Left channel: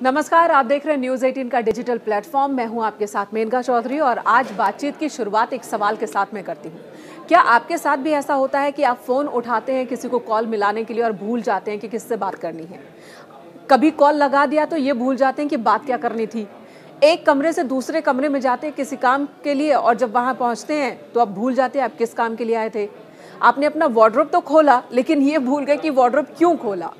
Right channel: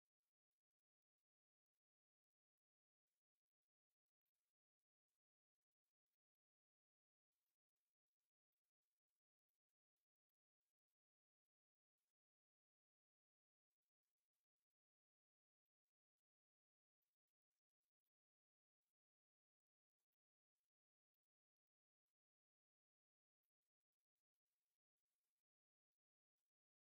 नमस्कार, आप देख रहे हैं न्यूज़ 18 का डिजिटल प्लेटफॉर्म। मैं हूं आपके साथ मेनका चौधरी और आज बातचीत की शुरुआत एक सवाल के साथ में करती हूं। क्या आपके साथ भी ऐसा होता है कि आप फ़ोन उठाते हैं किसी को कॉल मिलाने के लिए और भूल जाते हैं कि किससे बात करनी है? कभी कॉल लगा दिया तो ये भूल जाते हैं कि बात क्या करनी थी। एक कमरे से दूसरे कमरे में जाते हैं किसी काम के लिए और जब वहाँ पहुँचते हैं तो आप भूल जाते हैं आप किस काम के लिए आए थे। आपने अपना वार्डरोब तो खोला लेकिन ये भूल गए कि वार्डरोब क्यों खोला।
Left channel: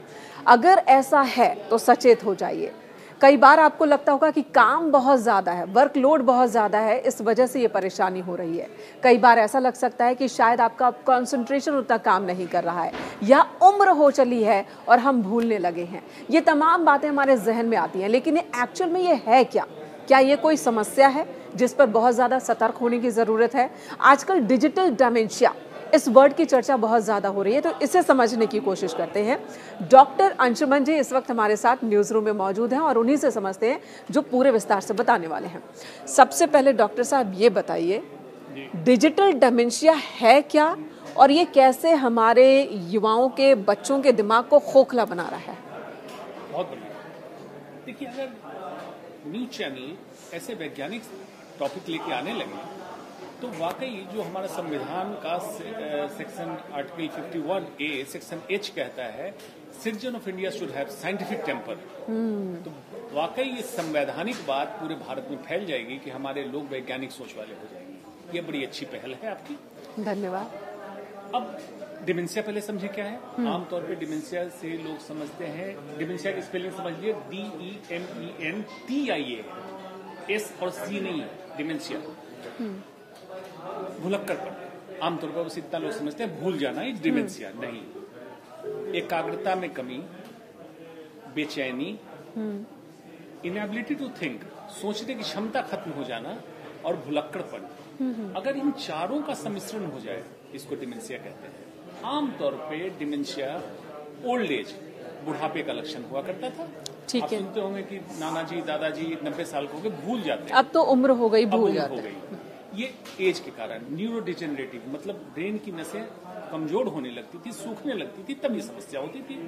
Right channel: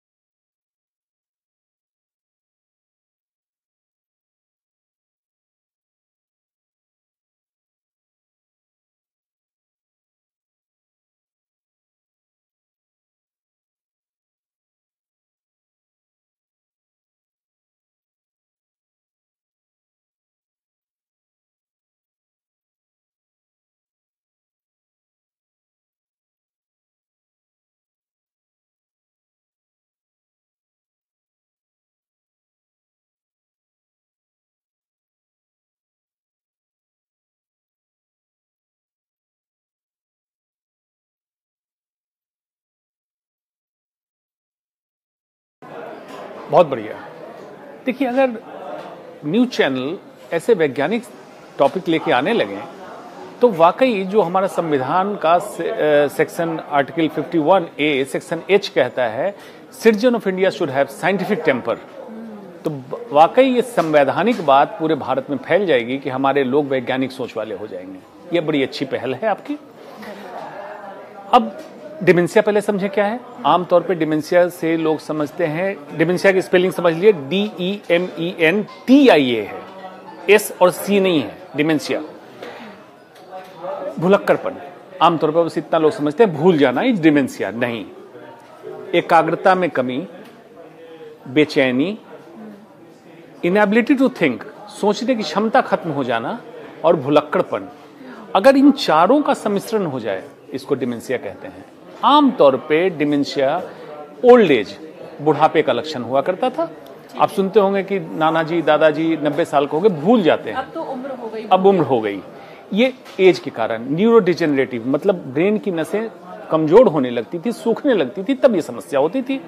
अगर ऐसा है तो सचेत हो जाइए। कई बार आपको लगता होगा कि काम बहुत ज़्यादा है, वर्कलोड बहुत ज़्यादा है, इस वजह से ये परेशानी हो रही है। कई बार ऐसा लग सकता है कि शायद आपका कंसंट्रेशन उतना काम नहीं कर रहा है या उम्र हो चली है और हम भूलने लगे हैं। ये तमाम बातें हमारे जहन में आती हैं, लेकिन एक्चुअल में ये है क्या? क्या ये कोई समस्या है जिस पर बहुत ज़्यादा सतर्क होने की ज़रूरत है? आजकल डिजिटल डिमेंशिया इस वर्ड की चर्चा बहुत ज़्यादा हो रही है, तो इसे समझने की कोशिश करते हैं। डॉक्टर अंशुमन जी इस वक्त हमारे साथ न्यूज़ रूम में मौजूद हैं और उन्हीं से समझते हैं जो पूरे विस्तार से बताने वाले हैं। सबसे पहले डॉक्टर साहब ये बताइए, डिजिटल डिमेंशिया है क्या और ये कैसे हमारे युवाओं के बच्चों के दिमाग को खोखला बना रहा है? बहुत बढ़िया। देखिए, अगर न्यूज़ चैनल ऐसे वैज्ञानिक टॉपिक लेके आने लगे तो वाकई जो हमारा संविधान का section article 51A section H कहता है, citizen of India should have scientific temper, तो वाकई ये संवैधानिक बात पूरे भारत में फैल जाएगी कि हमारे लोग वैज्ञानिक सोच वाले हो जाएंगे। ये बड़ी अच्छी पहल है आपकी। धन्यवाद। अब डिमेंशिया पहले समझे क्या है। आमतौर पे डिमेंशिया से लोग समझते हैं, डिमेंशिया की स्पेलिंग समझ लिए, DEMENTIA है, S और C नहीं है। डिमेंशिया भुलक्कड़पन, आमतौर पर बस इतना लोग समझते हैं भूल जाना, ये डिमेंशिया नहीं। एकाग्रता में कमी, बेचैनी, इनएबिलिटी टू थिंक, सोचने की क्षमता खत्म हो जाना और भुलक्कड़पन, अगर इन चारों का सम्मिश्रण हो जाए इसको डिमेंशिया कहते हैं। आमतौर पे डिमेंशिया ओल्ड एज, बुढ़ापे का लक्षण हुआ करता था। आप सुनते होंगे कि नाना जी दादाजी 90 साल के हो गए, भूल जाते हैं। अब तो उम्र हो गई, अब उम्र हो गई। ये एज के कारण न्यूरो डिजेनरेटिव, मतलब ब्रेन की नसें कमजोर होने लगती थी, सूखने लगती थी, तब ये समस्या होती थी।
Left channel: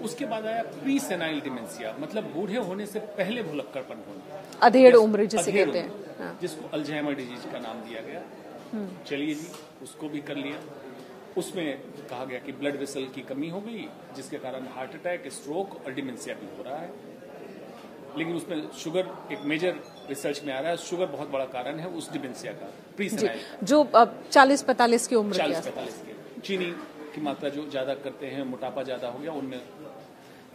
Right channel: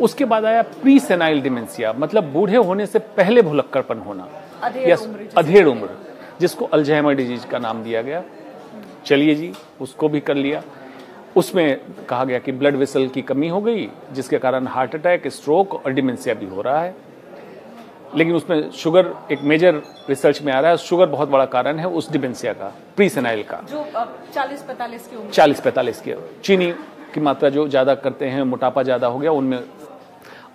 उसके बाद आया प्री सेनाइल डिमेंशिया, मतलब बूढ़े होने से पहले भुलक्कड़पन होना, अधेड़ उम्र, जिसको अल्जाइमर डिजीज का नाम दिया गया। चलिए जी, उसको भी कर लिया। उसमें कहा गया कि ब्लड वेसल की कमी हो गई, जिसके कारण हार्ट अटैक, स्ट्रोक और डिमेंशिया भी हो रहा है। लेकिन उसमें शुगर एक मेजर रिसर्च में आ रहा है, शुगर बहुत बड़ा कारण है उस डिमेंशिया का, प्री सेनाइल का, जो 40-45 की उम्र, 40-45 की। चीनी की मात्रा जो ज्यादा करते हैं, मोटापा ज्यादा हो गया उनमें।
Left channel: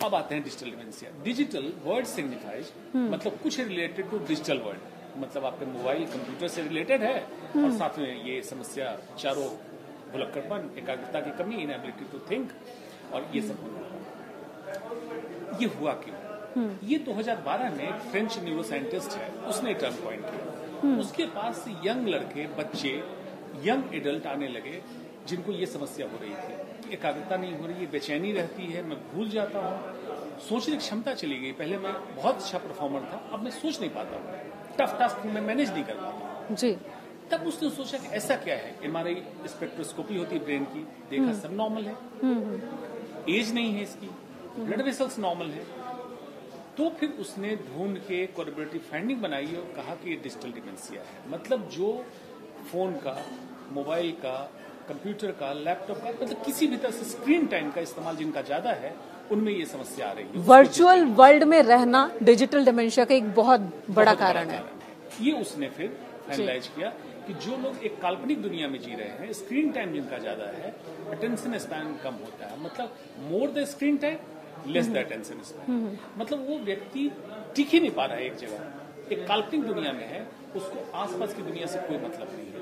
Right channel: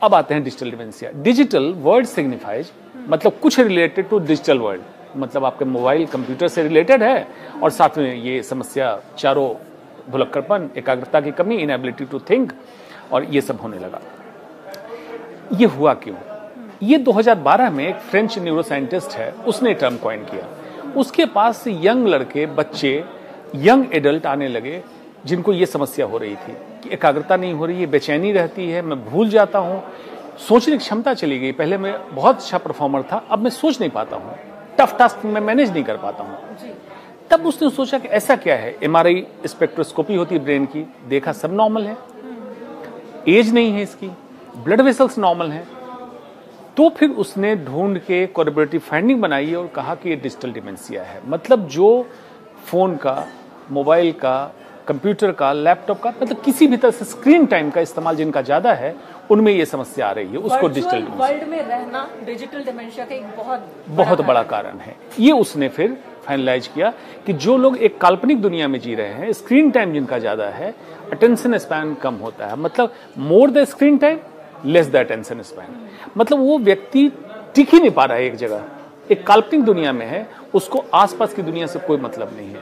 अब आते हैं digital dementia. Digital word signifies, मतलब कुछ रिलेटेड टू डिजिटल वर्ल्ड, मतलब आपके मोबाइल कंप्यूटर से रिलेटेड है और साथ में ये समस्या चारों, भुलक्कड़पन, एकाग्रता की कमी, इनएबिलिटी टू थिंक, और ये सब होने लगा। ये हुआ क्यों? ये 2012 में एक फ्रेंच न्यूरोसाइंटिस्ट है, उसने टर्म कॉइन किया। उसके पास से यंग लड़के, बच्चे, यंग एडल्ट आने लगे जिनको ये समस्या हो रही थी कि एकाग्रता नहीं हो रही है, बेचैनी रहती है, मैं भूल जाता हूँ, सोचने की क्षमता चली गई। पहले मैं बहुत अच्छा परफॉर्मर था, अब मैं सोच नहीं पाता हूँ, टफ टास्क में मैनेज नहीं कर पाता हूँ जी। तब उसने सोचा कि ऐसा क्या है। MRI स्पेक्ट्रोस्कोपी होती है ब्रेन की, देखा सब नॉर्मल है, एज नहीं है इसकी, ब्लड वेसल्स नॉर्मल है। तो फिर उसने ढूंढ के कोलैबोरेटिव फाइंडिंग बनाई और कहा कि ये डिजिटल डिमेंशिया है। मतलब जो फोन का, मोबाइल का, कंप्यूटर का, लैपटॉप का, मतलब किसी भी तरह से स्क्रीन टाइम का इस्तेमाल जिनका ज्यादा है, उनमें ये समस्या आ रही है। उसको वर्चुअल वर्ल्ड में रहना डिजिटल डिमेंशिया का एक बहुत बड़ा कारण है। ये उसने फिर फाइनलाइज किया कि जो लोग एक काल्पनिक दुनिया में जी रहे हैं, स्क्रीन टाइम जिनका ज्यादा है, अटेंशन स्पैन कम होता है, मतलब more the screen time less the attention span, मतलब वो व्यक्ति टिक ही नहीं पा रहा है एक जगह, एक काल्पनिक दुनिया में है, उसको आसपास की दुनिया से कोई मतलब नहीं है,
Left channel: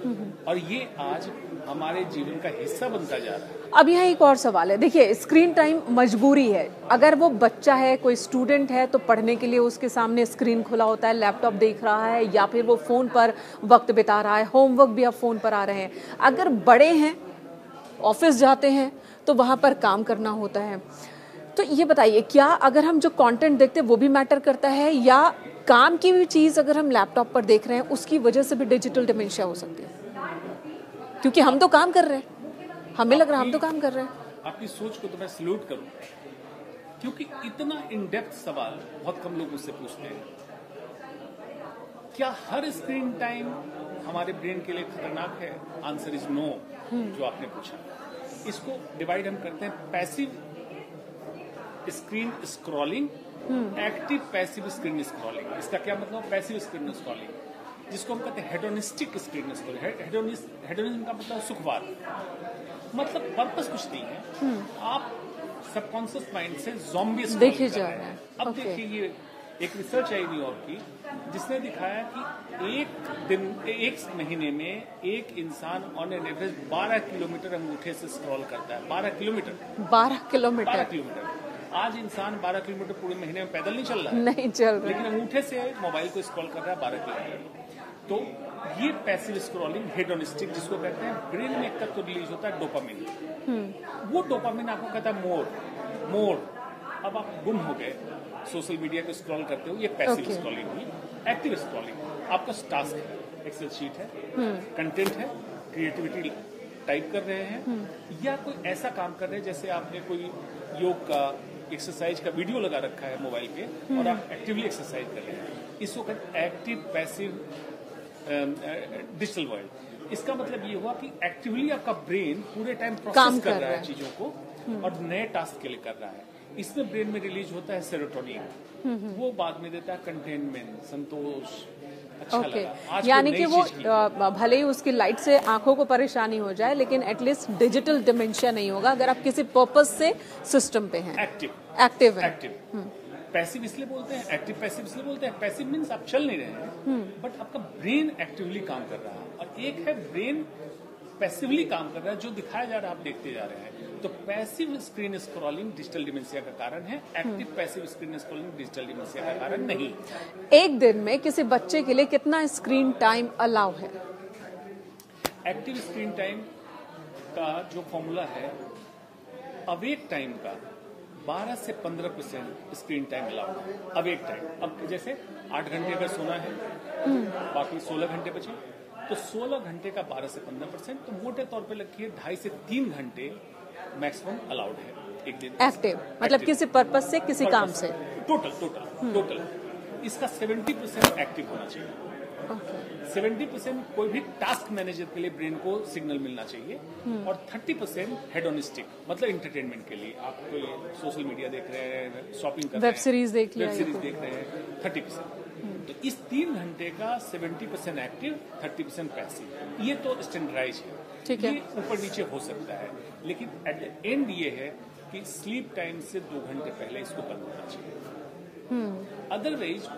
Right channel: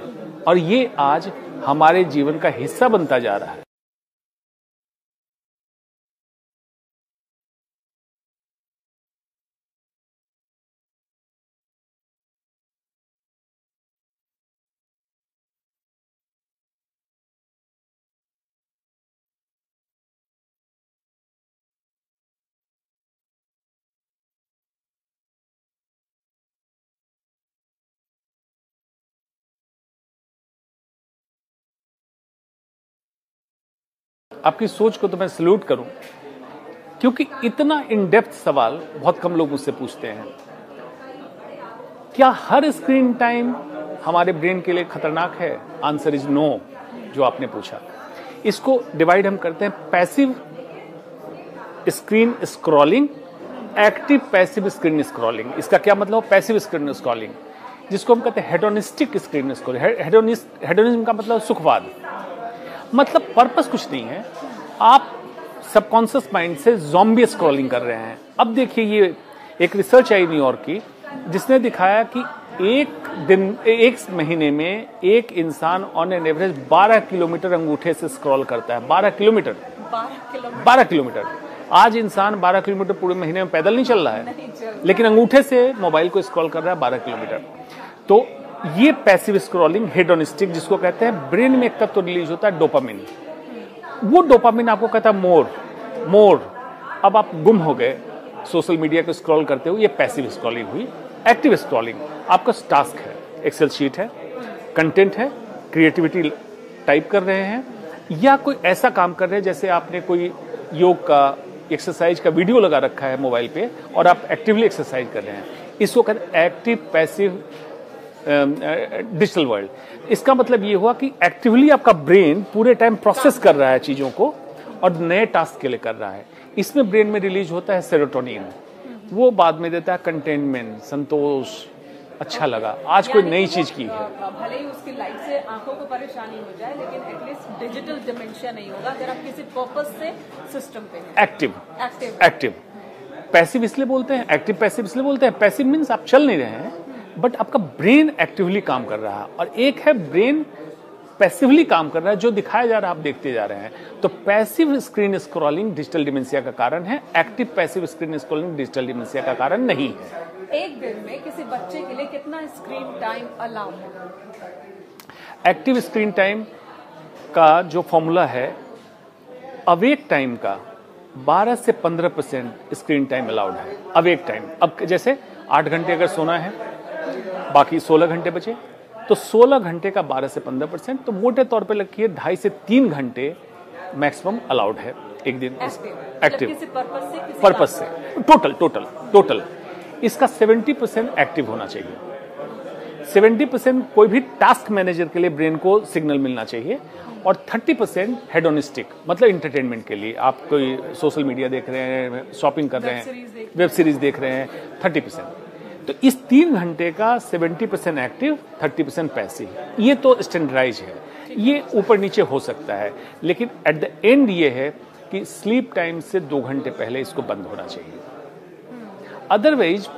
और ये आज हमारे जीवन का हिस्सा बनता जा रहा है। अब यहाँ एक और सवाल है, देखिए स्क्रीन टाइम मजबूरी है। अगर वो बच्चा है, कोई स्टूडेंट है, तो पढ़ने के लिए उसके सामने स्क्रीन खुला होता है, लैपटॉप देख रहा है या फिर वो फोन पर वक्त बिता रहा है, होमवर्क भी अब फोन पर आ रहे हैं। अगर बड़े हैं, ऑफिस जाते हैं, तो वहाँ पर काम करना होता है। तो ये बताइए, क्या अगर हम जो कंटेंट देखते हैं वो भी मैटर करता है, या काम की भी चीज़ अगर हम लैपटॉप पर देख रहे हैं उसकी वजह से भी डिजिटल डिमेंशिया हो सकती है? क्योंकि हम तो काम कर रहे हैं, हमें लग रहा है हम तो काम कर रहे हैं। आपकी सोच को तो मैं सैल्यूट करूं। क्योंकि इतना इन डेप्थ सवाल बहुत कम लोग मुझसे पूछते हैं। क्या हर स्क्रीन टाइम हमारे ब्रेन के लिए खतरनाक है? आंसर इज नो, जो आपने पूछा। इसको डिवाइड हम करते हैं passive screen scrolling, active passive screen scrolling. इसका क्या मतलब? पैसिव स्क्रीन स्क्रॉलिंग, जिसको हम कहते हैं हेडोनिस्टिक स्क्रीन स्क्रॉलिंग। हेडोनिज्म का मतलब सुखवाद, मतलब पर्पस कुछ नहीं है, आप सबकॉन्शियस माइंड से ज़ॉम्बी स्क्रॉलिंग कर रहे हैं। अब देखिए, ये एक रिसर्च आई न्यूयॉर्क की, जिसने दिखाया कि एक महीने में एक इंसान ऑन एन एवरेज 12 किलोमीटर अंगूठे से स्क्रॉल करता है। 12 किलोमीटर। 12 किलोमीटर। आज इंसान 12 किलोमीटर पूरे महीने में पैदल नहीं चल रहा है, नहीं चल, लेकिन अंगूठे से मोबाइल को स्क्रॉल कर रहा है 12 किलोमीटर। तो ये पैसिव स्क्रॉलिंग, हेडोनिस्टिक जिसको कहते हैं, ब्रेन में एक तत्व रिलीज होता है डोपामिन। वो डोपामिन आपको कहता है मोर। अब आप गुम हो गए सोशल मीडिया को स्क्रॉल करते हो, ये पैसिव स्क्रॉलिंग हुई। एक्टिव स्क्रॉलिंग आपका टास्क है, एक्सेल शीट है, कंटेंट है, क्रिएटिविटी टाइप कर रहे हैं, या कोई ऐसा काम कर रहे हैं जैसे आपने कोई योग का, एक्सरसाइज का वीडियो लगा रखा है मोबाइल पे और आप एक्टिवली एक्सरसाइज कर रहे हैं। इसको कहते हैं एक्टिव पैसिव डिजिटल वर्ल्ड। इसका मतलब ये हुआ कि एक्टिवली आपका ब्रेन पूरे टाइम प्रोसेस कर रहा है चीजों को और नए टास्क के लिए कर रहा है। इसमें ब्रेन में रिलीज होता है सेरोटोनिन, वो बाद में देता है कंटेनमेंट, संतोष, अच्छा लगा, आज कोई नई चीज की। भले ही उसकी लाइट से आंखों को परेशानी हो जाए, लेकिन एटलीस्ट डिजिटल डिमेंशिया नहीं होगा अगर आप किसी पर्पस से सिस्टम पे हैं। एक्टिव पैसिव इसलिए बोलते हैं, एक्टिव पैसिव इसलिए बोलते हैं। पैसिव मीन्स आप चल नहीं रहे हैं, बट आपका ब्रेन एक्टिवली काम कर रहा है, और एक है ब्रेन पैसिवली काम कर रहा है, जो दिखाया जा रहा है आप देखते जा रहे हैं। तो passive screen scrolling digital dementia का कारण है, active passive screen scrolling digital dementia का कारण नहीं है। एक दिन में किसी बच्चे के लिए कितना स्क्रीन टाइम अलाउ है? एक्टिव स्क्रीन टाइम का जो फॉर्मूला है, अवेक टाइम का 12 से 15% स्क्रीन टाइम अलाउड है। अवेक टाइम, अब जैसे 8 घंटे अगर सोना है, बाकी 16 घंटे बचे, तो 16 घंटे का 12 से 15%, तो मोटे तौर पे रखिए 2.5 से 3 घंटे मैक्सिमम अलाउड है एक दिन। मतलब किसी पर्पस से, किसी पर्पस से टोटल इसका 70% एक्टिव होना चाहिए। 70% कोई भी टास्क मैनेजर के लिए ब्रेन को सिग्नल मिलना चाहिए, और 30% हेडोनिस्टिक, मतलब इंटरटेनमेंट के लिए। आप कोई सोशल मीडिया देख रहे हैं, शॉपिंग कर रहे हैं, वेब सीरीज देख रहे हैं, 30%। तो इस 3 घंटे का 70% एक्टिव, 30% पैसिव। ये तो स्टैंडर्डाइज है, ये ऊपर नीचे हो सकता है, लेकिन एट द एंड ये है कि स्लीप टाइम से 2 घंटे पहले इसको बंद होना चाहिए। अदरवाइज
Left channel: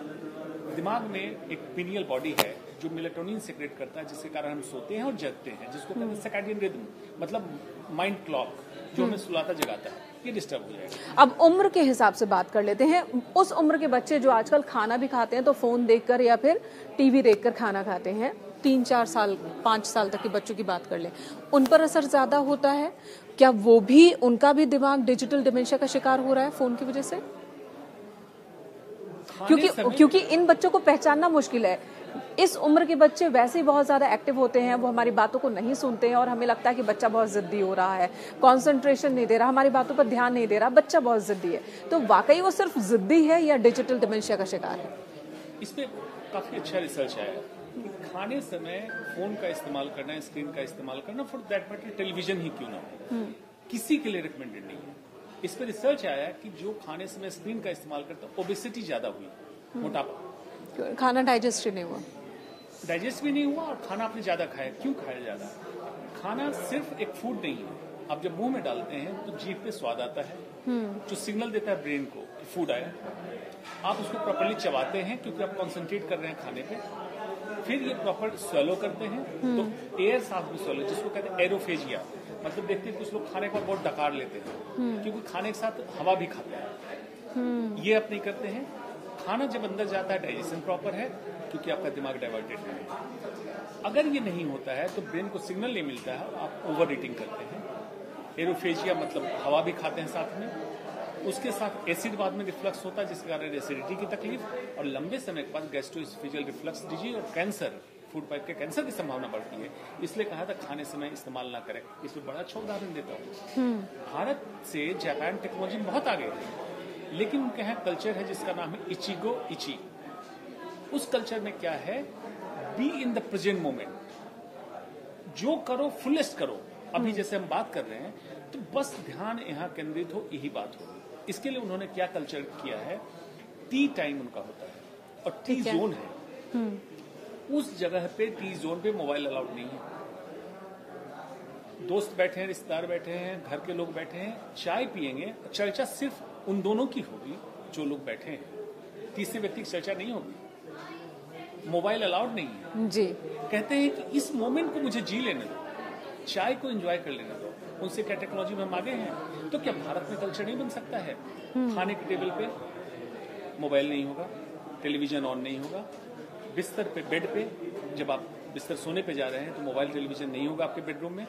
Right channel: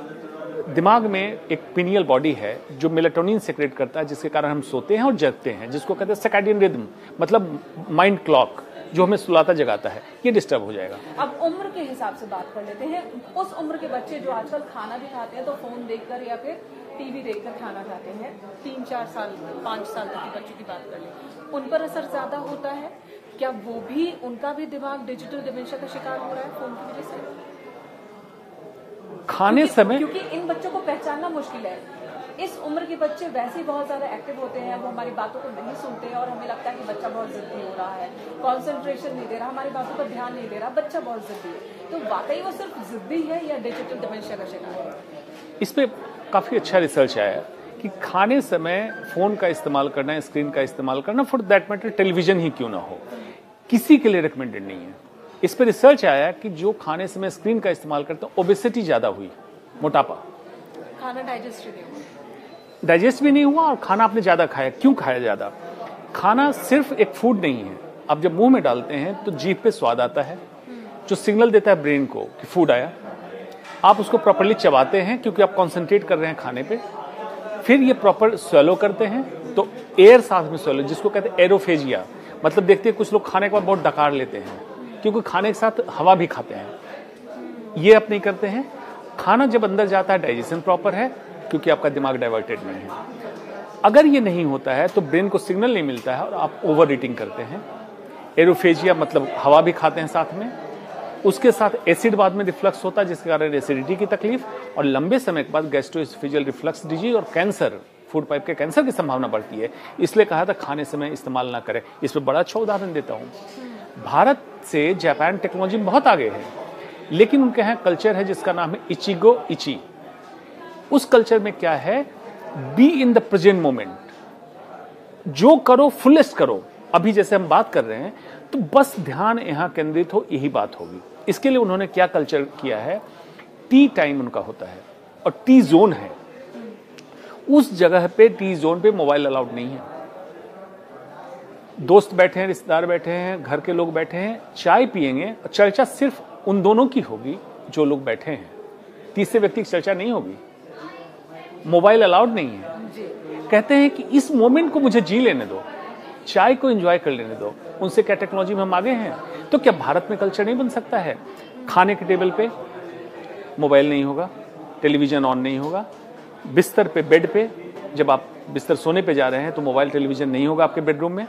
दिमाग में एक पिनियल बॉडी है जो मेलाटोनिन सेक्रेट करता है, जिसके कारण हम सोते हैं और जगते हैं, जिसको कहते हैं सर्कैडियन रिदम, मतलब माइंड क्लॉक, जो हमें सुलाता जगाता है, ये डिस्टर्ब हो जाएगा। अब उम्र के हिसाब से बात कर लेते हैं। उस उम्र के बच्चे जो आजकल खाना भी खाते हैं तो फोन देखकर या फिर टीवी देखकर खाना खाते हैं, 3-4 साल 5 साल तक के बच्चों की बात कर ले, उन पर असर ज्यादा होता है क्या? वो भी, उनका भी दिमाग डिजिटल डिमेंशिया का शिकार हो रहा है फोन की वजह से? खाने समय, क्योंकि इन बच्चों को पहचानना मुश्किल है। इस उम्र के बच्चे वैसे ही बहुत ज्यादा एक्टिव होते हैं, वो हमारी बातों को नहीं सुनते हैं और हमें लगता है कि बच्चा बहुत जिद्दी हो रहा है, कंसंट्रेशन नहीं दे रहा, हमारी बातों पर ध्यान नहीं दे रहा, बच्चा बहुत जिद्दी है। तो वाकई वो सिर्फ जिद्दी है या डिजिटल डिमेंशिया का शिकार है? इस पे काफी अच्छा रिसर्च आया कि खाने समय फोन का इस्तेमाल करना, स्क्रीन का इस्तेमाल करना, फॉर दैट मैटर टेलीविजन ही क्यों ना हो, किसी के लिए रिकमेंडेड नहीं है। इस पे रिसर्च आया कि जो खाने समय स्क्रीन का इस्तेमाल करते हैं, ओबेसिटी ज्यादा हुई, मोटापा, खाना डाइजेस्ट नहीं हुआ, डाइजेस्ट भी नहीं हुआ, और खाना आपने ज्यादा खाया। क्यों खाया ज्यादा? खाना सिर्फ एक फूड नहीं है, आप जब मुंह में डालते हैं तो जीभ पे स्वाद आता है, जो सिग्नल देता है ब्रेन को कि फूड आया। आप उसको प्रॉपर्ली चबाते हैं क्योंकि आप कॉन्सेंट्रेट कर रहे हैं खाने पे, फिर ये प्रॉपर स्वेलो करते हैं, तो एयर साथ में स्वेलो, जिसको कहते हैं एरोफेजिया, मतलब देखते हैं कुछ लोग खाने के बाद बहुत डकार लेते हैं क्योंकि खाने के साथ हवा भी खाते हैं, ये आप नहीं करते हैं। खाना जब अंदर जाता है, डाइजेशन प्रॉपर है क्योंकि आपका दिमाग डाइवर्टेड नहीं है। अगर ये नहीं होता है तो ब्रेन को सिग्नल नहीं मिलता है और आप ओवर ईटिंग करते हैं। एरोफेजिया मतलब हवा भी खाते हैं साथ में, उसके साथ एसिड बाद में रिफ्लक्स होता है जिसके कारण एसिडिटी की तकलीफ, और लंबे समय के बाद गैस्ट्रोएसोफेजियल रिफ्लक्स डिजीज और कैंसर, फूड पाइप के कैंसर की संभावना बढ़ती है। इसलिए कहा था खाने समय इस्तेमाल ना करें। इस पर बड़ा अच्छा उदाहरण देता हूँ। भारत से जापान टेक्नोलॉजी में बहुत आगे है। लेकिन उनके यहाँ कल्चर है जिसका नाम है इचिगो इची। उस कल्चर में क्या है, be in the present moment, जो करो फुलेस्ट करो। अभी जैसे हम बात कर रहे हैं तो बस ध्यान यहाँ केंद्रित हो, यही बात होगी। इसके लिए उन्होंने क्या कल्चर किया है, टी टाइम उनका होता है और टी जोन है। उस जगह पे टी जोन पे मोबाइल अलाउड नहीं है। दोस्त बैठे हैं, रिश्तेदार बैठे हैं, घर के लोग बैठे हैं, चाय पिएंगे और चर्चा सिर्फ उन दोनों की होगी जो लोग बैठे हैं, तीसरे व्यक्ति की चर्चा नहीं होगी। मोबाइल अलाउड नहीं है जी। कहते हैं कि इस मोमेंट को मुझे जी लेने दो, चाय को एंजॉय कर लेने दो। उनसे क्या टेक्नोलॉजी में हम आगे हैं? तो क्या भारत में कल्चर नहीं बन सकता है? खाने के टेबल पे मोबाइल नहीं होगा, टेलीविजन ऑन नहीं होगा, बिस्तर पे, बेड पे, जब आप बिस्तर सोने पे जा रहे हैं तो मोबाइल टेलीविजन नहीं होगा आपके बेडरूम में।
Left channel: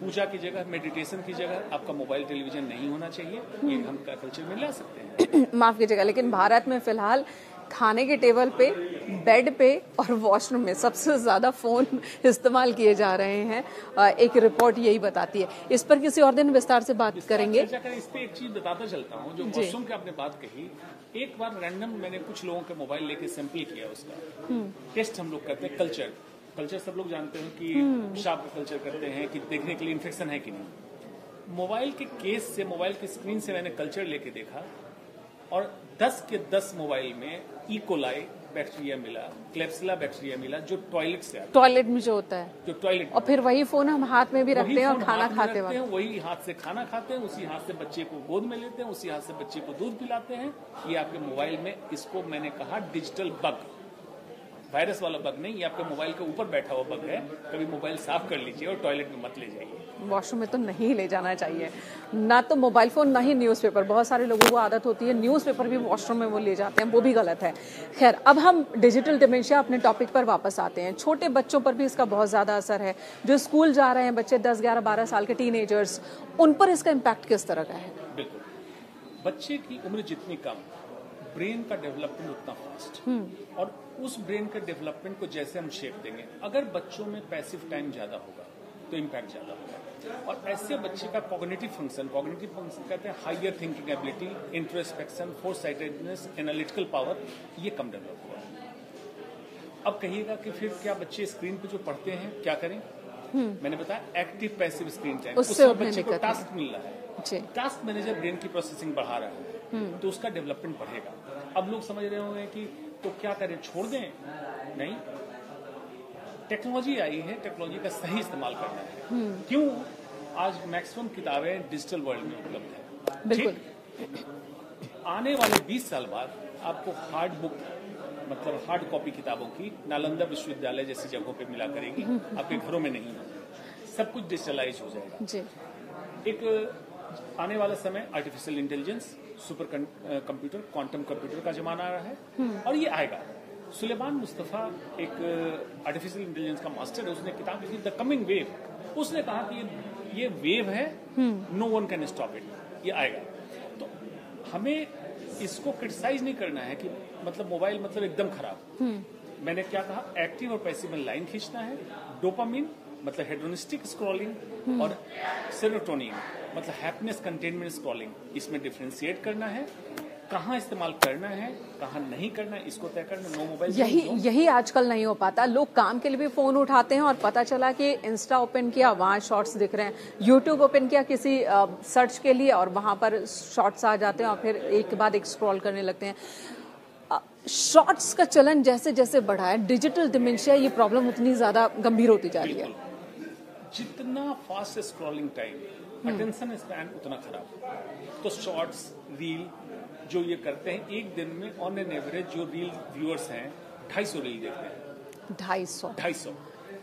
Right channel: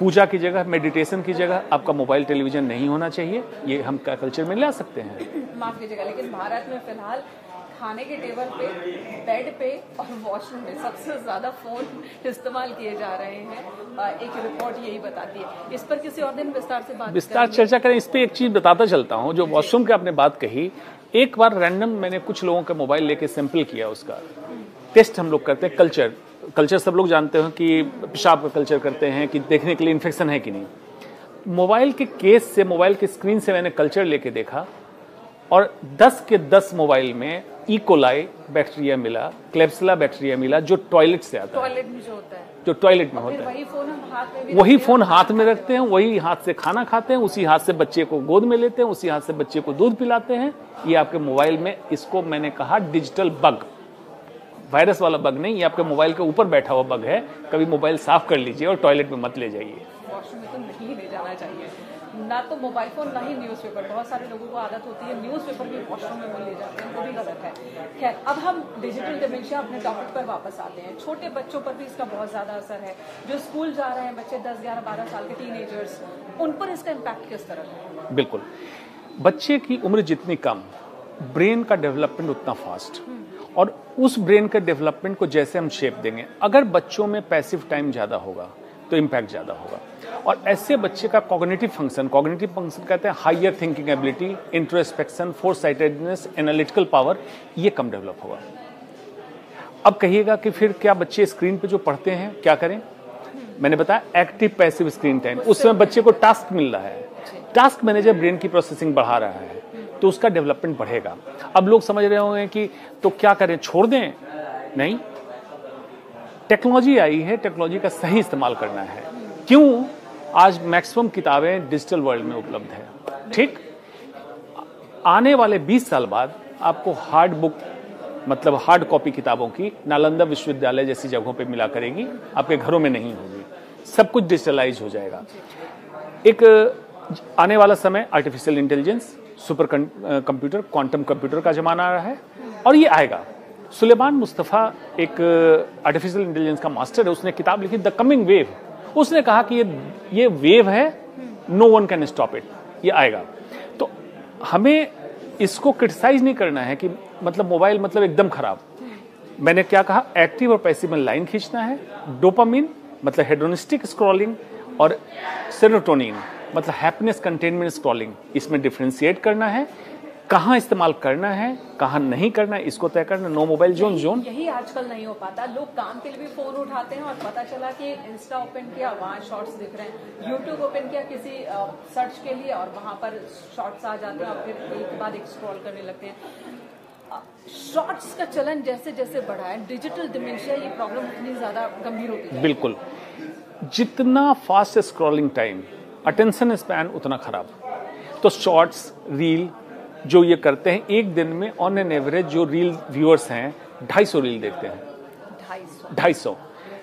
पूजा की जगह, मेडिटेशन की जगह आपका मोबाइल टेलीविजन नहीं होना चाहिए। ये हम क्या कल्चर में ला सकते हैं? माफ कीजिएगा, लेकिन भारत में फिलहाल खाने के टेबल पे, बेड पे और वॉशरूम में सबसे ज्यादा फोन इस्तेमाल किए जा रहे हैं। एक रिपोर्ट यही बताती है। इस पर किसी और दिन विस्तार से बात करेंगे, चर्चा करें। इस पे एक चीज बताता चलता हूँ, जो वॉशरूम की आपने बात कही, एक बार रैंडम मैंने कुछ लोगों का मोबाइल लेके सैंपल किया, उसका टेस्ट हम लोग करते हैं। कल्चर सब लोग जानते हैं कि पेशाब का कल्चर करते हैं कि देखने के लिए इन्फेक्शन है कि नहीं। मोबाइल के केस से, मोबाइल के स्क्रीन से मैंने कल्चर लेके देखा और 10 के 10 मोबाइल में इकोलाई बैक्टीरिया मिला, क्लेप्सिला बैक्टीरिया मिला, जो टॉयलेट से आता है। टॉयलेट में जो होता है, जो टॉयलेट में और फिर वही फोन हम हाथ में भी वही रखते हैं, फोन और हाथ खाना में खाते रखते हैं, वही हाथ से खाना खाते हैं, उसी हाथ से बच्चे को गोद में लेते हैं, उसी हाथ से बच्चे को दूध पिलाते हैं। ये आपके मोबाइल में, इसको मैंने कहा डिजिटल बग, वायरस वाला बग नहीं, ये आपके मोबाइल के ऊपर बैठा हुआ बग है। कभी मोबाइल साफ कर लीजिए और टॉयलेट में मत ले जाइए। वॉशरूम में तो नहीं ले जाना चाहिए, ना तो मोबाइल फोन ना ही न्यूज़पेपर। बहुत सारे लोगों को आदत होती है न्यूज़पेपर भी वॉशरूम में वो ले जाते हैं, वो भी गलत है। खैर, अब हम डिजिटल डिमेंशिया अपने टॉपिक पर वापस आते हैं। छोटे बच्चों पर भी इसका बहुत ज़्यादा असर है। जो स्कूल जा रहे हैं बच्चे, 10, 11, 12 साल के टीनेजर्स, उन पर इसका इम्पैक्ट किस तरह का है? बिल्कुल, बच्चे की उम्र जितनी कम, ब्रेन का डेवलपमेंट उतना फास्ट, और उस ब्रेन के डेवलपमेंट को जैसे हम शेप देंगे, अगर बच्चों में पैसिव टाइम ज्यादा होगा तो इम्पैक्ट ज्यादा होगा। और ऐसे बच्चे का कॉग्निटिव फंक्शन कहते हैं higher thinking ability, introspection, foresightedness, analytical power, ये कम डेवलप होगा। अब कहिएगा कि फिर क्या बच्चे स्क्रीन पे जो पढ़ते हैं क्या करें? मैंने बताया एक्टिव पैसिव स्क्रीन टाइम, उसमें बच्चे को टास्क मिल रहा है, टास्क मैनेजर ब्रेन की प्रोसेसिंग बढ़ा रहा है, तो उसका डेवलपमेंट बढ़ेगा। अब लोग समझ रहे होंगे कि तो क्या करें, छोड़ दें? नहीं, टेक्नोलॉजी आई है, टेक्नोलॉजी का सही इस्तेमाल करना है। क्यों? आज मैक्सिमम किताबें डिजिटल वर्ल्ड में उपलब्ध है, ठीक? आने वाले 20 साल बाद आपको हार्ड बुक, मतलब हार्ड कॉपी किताबों की नालंदा विश्वविद्यालय जैसी जगहों पे मिला करेगी, आपके घरों में नहीं होगी, सब कुछ डिजिटलाइज हो जाएगा। एक आने वाला समय artificial intelligence, super computer, quantum computer का जमाना आ रहा है, और ये आएगा। सुलेमान मुस्तफा एक आर्टिफिशियल इंटेलिजेंस का मास्टर है, उसने किताब लिखी द कमिंग वेव। उसने कहा कि ये वेव है, no one can stop it, ये आएगा। तो हमें इसको क्रिटिसाइज नहीं करना है कि मतलब मोबाइल मतलब एकदम खराब। मैंने क्या कहा, एक्टिव और पैसिव में लाइन खींचना है। डोपामिन मतलब हेडोनिस्टिक स्क्रॉलिंग, और सेरोटोनिन मतलब हैप्पीनेस कंटेनमेंट स्क्रॉलिंग, इसमें डिफरेंशिएट करना है। कहाँ इस्तेमाल करना है, कहाँ नहीं करना है, इसको तय करना। No mobile zone. यही आजकल नहीं हो पाता। लोग काम के लिए भी फोन उठाते हैं और पता चला कि इंस्टा ओपन किया, वहाँ शॉर्ट्स दिख रहे हैं, यूट्यूब ओपन किया किसी सर्च के लिए और वहां पर शॉर्ट्स आ जाते हैं, और फिर एक के बाद एक स्क्रॉल करने लगते हैं। शॉर्ट्स का चलन जैसे जैसे बढ़ा है, डिजिटल डिमेंशिया, ये प्रॉब्लम उतनी ज्यादा गंभीर होती जा रही है। बिल्कुल, जितना fast scrolling time, attention span उतना खराब। तो शॉर्ट्स, रील जो ये करते हैं, एक दिन में ऑन एन एवरेज जो रील व्यूअर्स हैं 250 रील देखते हैं। 250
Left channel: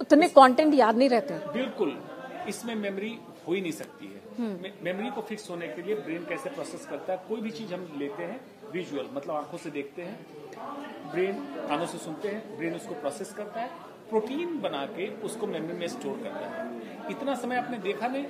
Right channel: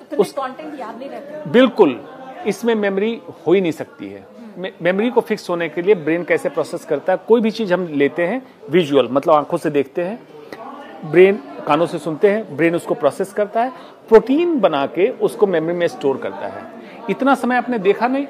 उतने कंटेंट याद नहीं रहते। बिल्कुल, इसमें मेमोरी हो ही नहीं सकती है। मेमोरी को फिक्स होने के लिए ब्रेन कैसे प्रोसेस करता है, कोई भी चीज हम लेते हैं विजुअल, मतलब आंखों से देखते हैं, ब्रेन कानों से सुनते हैं, ब्रेन उसको प्रोसेस करता है, प्रोटीन बना के उसको मेमोरी में स्टोर करता है। इतना समय आपने देखा नहीं,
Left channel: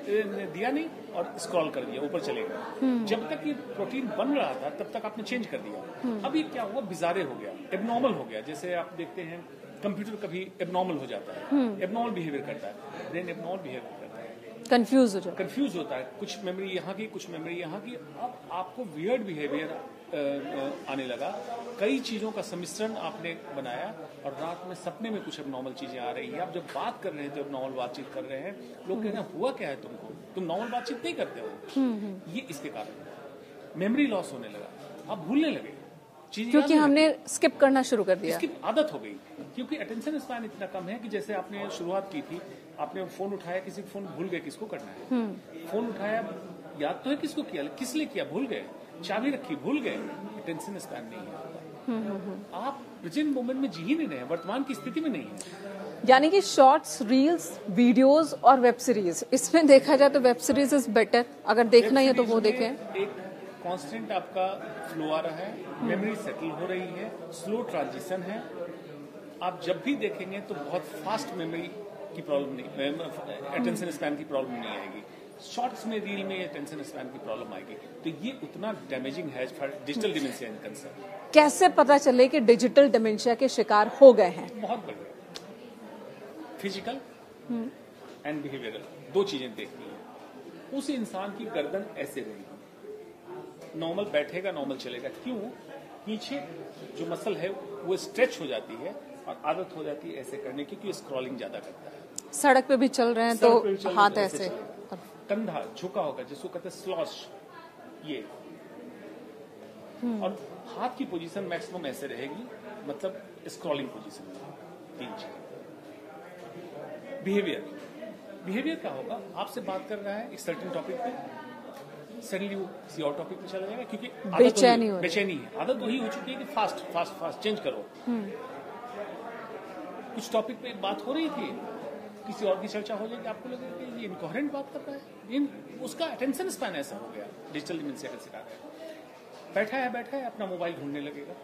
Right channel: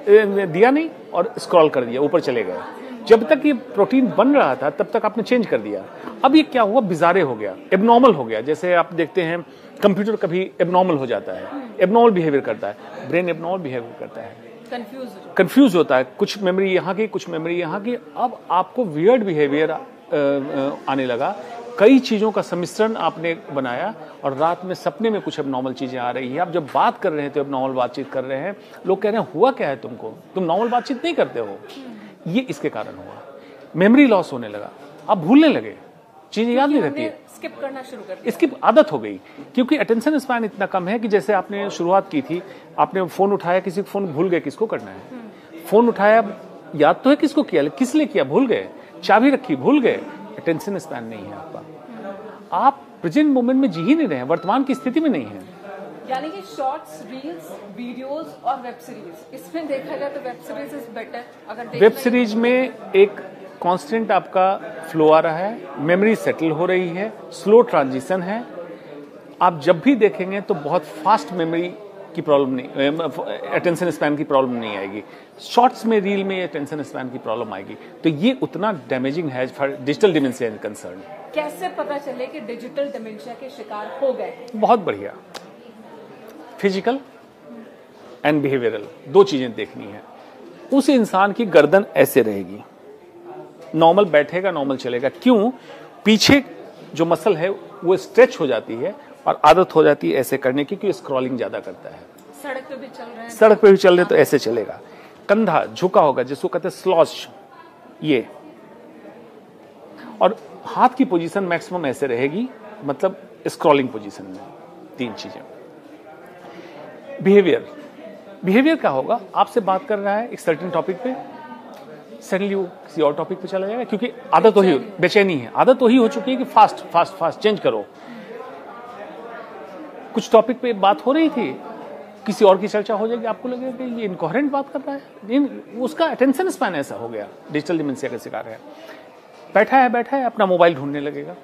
दिया नहीं, और स्क्रॉल कर दिया, ऊपर चले गए। जब तक ये प्रोटीन बन रहा था तब तक आपने चेंज कर दिया। अब ये क्या हुआ, बिजारे हो गया, एबनॉर्मल हो गया। जैसे आप देखते हैं कंप्यूटर कभी एबनॉर्मल हो जाता है, एबनॉर्मल बिहेवियर करता है, ब्रेन एबनॉर्मल बिहेवियर करता है। कंफ्यूज होता है, कुछ मेमोरी यहाँ की, कुछ मेमोरी यहाँ की। अब आपको वियर्ड बिहेवियर आने लगा, कई चीजों का सम्मिश्रण आपने बनाया और रात में सपने में कुछ अब नॉर्मल चीजें आ रही है। आप जब बात कर रहे थे, अब नॉर्मल बातचीत कर रहे हैं, लोग कह रहे हैं हुआ क्या है तुमको, तुम नॉर्मल बातचीत नहीं करते हो। ये इसके कारण हुआ, मेमोरी लॉस होने लगा, आप भूलने लगे, चीजें याद नहीं रहती, स्किप करना शुरू कर दिया, इसकी आदत हो गई। क्योंकि अटेंशन स्पैन इतना कम है कि जैसे आपने शुरुआत की थी, आपने फोन उठाया, किसी को फोन भूल गए, किसको करना है, फोन उठाया, याद तो है किसको किया, किस लिए किया भूल गए, चाबी रखी भूल गए, अटेंशन स्पैन नहीं है आपका। आप प्रेजेंट मोमेंट में जी ही नहीं रहे हैं, वर्तमान की स्थिति में नहीं है। यानी कि शॉर्ट्स, रील्स, वीडियोस और वेब सीरीज, इसमें देखा जाए तो वेब सीरीज इज बेटर। अगर देखना वेब सीरीज में एक कांस्टेंट आपका फ्लो आ रहा है, मेमोरी सेटल हो रही है, स्लो ट्रांजिशन है। आप जब भी देखेंगे तो बहुत फास्ट मेमोरी की प्रॉब्लम नहीं, अटेंशन स्पैन की प्रॉब्लम नहीं आएगी। शॉर्ट्स में, रील में अटेंशन स्पैन की प्रॉब्लम आएगी। तो ये उतना डैमेजिंग है फॉर डिजिटल डिमेंशिया कंसर्न। कैसे पता चले कि डिजिटल डिमेंशिया के शिकार हो गए हैं? बहुत बढ़िया, फिजिकल एंड बिहेवियरल दो चीजें देखनी है। उस इंसान की गर्दन ऐसे रहेगी, नॉर्मल बैठेगा, नॉर्मल चलेगा। क्यों? पीछे जो मसल है वो स्ट्रेच हो जाती है और आदत हो जाती है ऐसे करने की, क्योंकि स्क्रॉलिंग ज्यादा करता है। सड़क पे भी चल रहे हैं, सड़क पे भी चल रहे तो ऐसे चलेगा। कंधा झुका होगा, जिसको कहते हैं स्लॉच, ये, और हाथ की पोजीशन मैक्सिमम ऐसे रहेगी, मतलब स्क्रॉलिंग पोजीशन में। तीन चीजें। बिहेवियर क्या होगा? आपसे बात कर रहा है एक सर्टेन टॉपिक पे, सडनली वो किसी और टॉपिक पे चला जाएगा, क्योंकि आदत वही, बेचैनी है, आदत वही हो चुकी है कि फास्ट चेंज करो। कुछ टॉपिक पे बात हो रही थी, किसी और की चर्चा हो जाएगी, आपको लगेगा कि ये इनकोहेरेंट बात कर रहा है, उसका अटेंशन स्पैन ऐसा हो गया, डिजिटल डिमेंशिया का शिकार है। बैठा है अपना मोबाइल ढूंढने लगेगा,